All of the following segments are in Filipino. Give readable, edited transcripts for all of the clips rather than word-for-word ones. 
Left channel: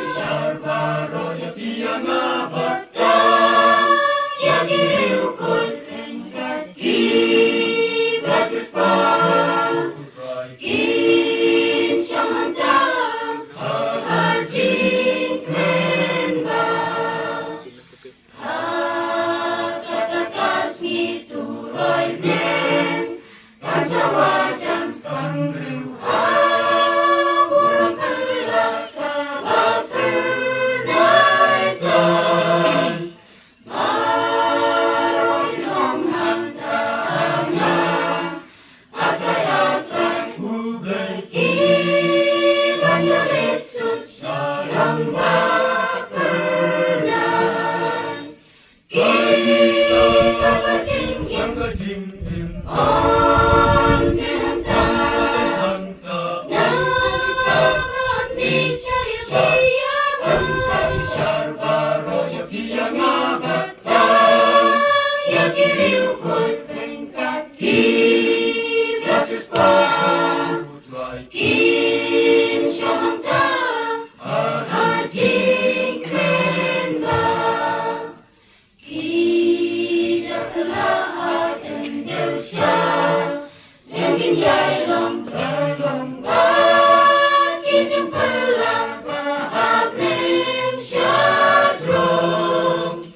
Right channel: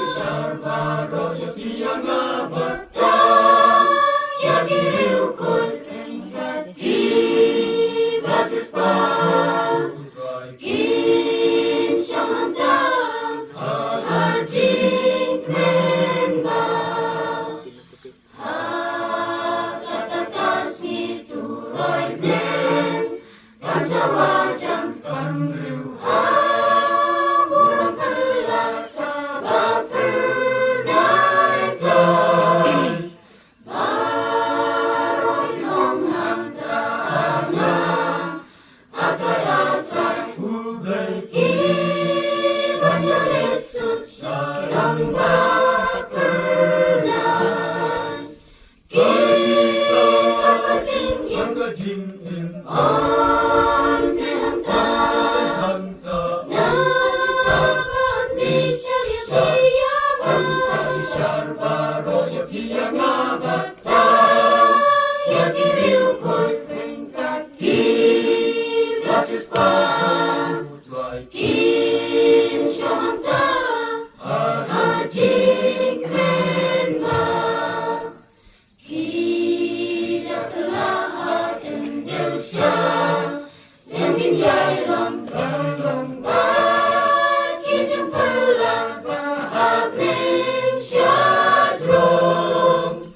sabi-sabi baroh ya piyang batang ya giriw ko'y sengkat hibasis pa kin siyang hantang hajing menba hagatakas ngituroy nen kasawajan pangriw hamuron pala kabapernay ko baroh inong hamtana atray-atray Blei iban ulit sarang bapernay kita kajing-im on bihanta nasasaban bisyar-syar sabi-sabi baroh ya piyang batang ya giriw ko'y pengkat hiblasis pa kin siyang hantang hajing menba hidak lahat endew siya Tengin yay lombat kijang palang bahag rin siya drong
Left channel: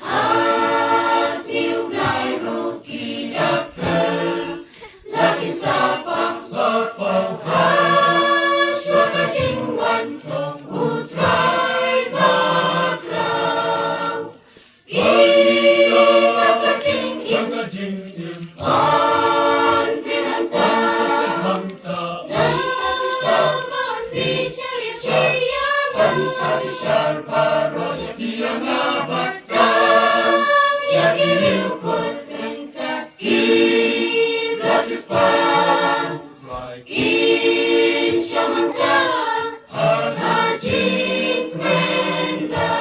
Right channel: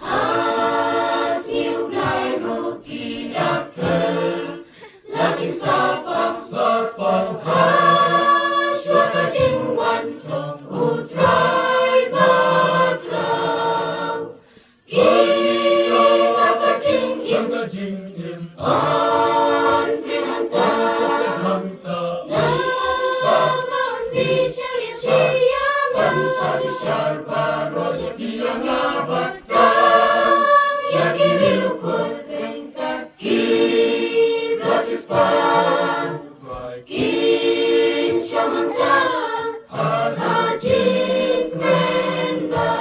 hasiw na'y rokidakel lagi sa pang haswa kajing wantong utray batraw kita kajing-im on bihanta nasasaban bisyar-syar sabi-sabi baroh ya piyang batang ya giriw ko'y pengkat hiblasis pa kin siyang hantang hajing menba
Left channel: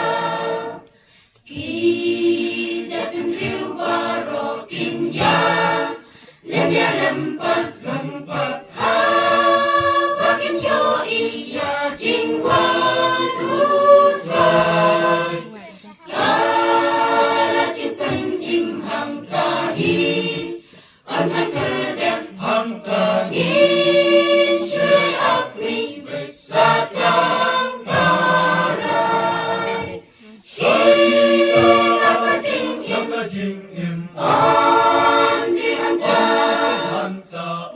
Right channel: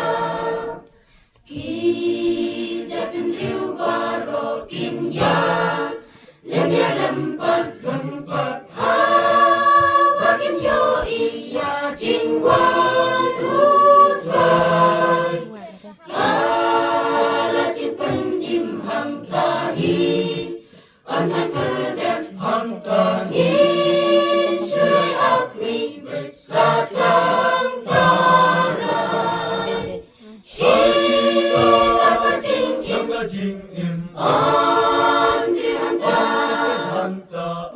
kijapin riw baroh kinyak lemya lempat habagin yo iya jingwan utray kalajin penimhang tahi anhan kerdek hang tangin syui apri beksat kang taray kita kajing-im on bihanta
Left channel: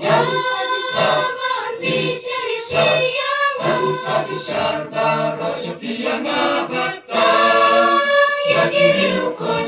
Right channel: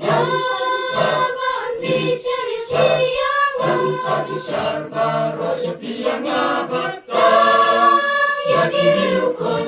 nasasaban bisyar-syar sabi-sabi baroh ya piyang batang ya giriw ko'y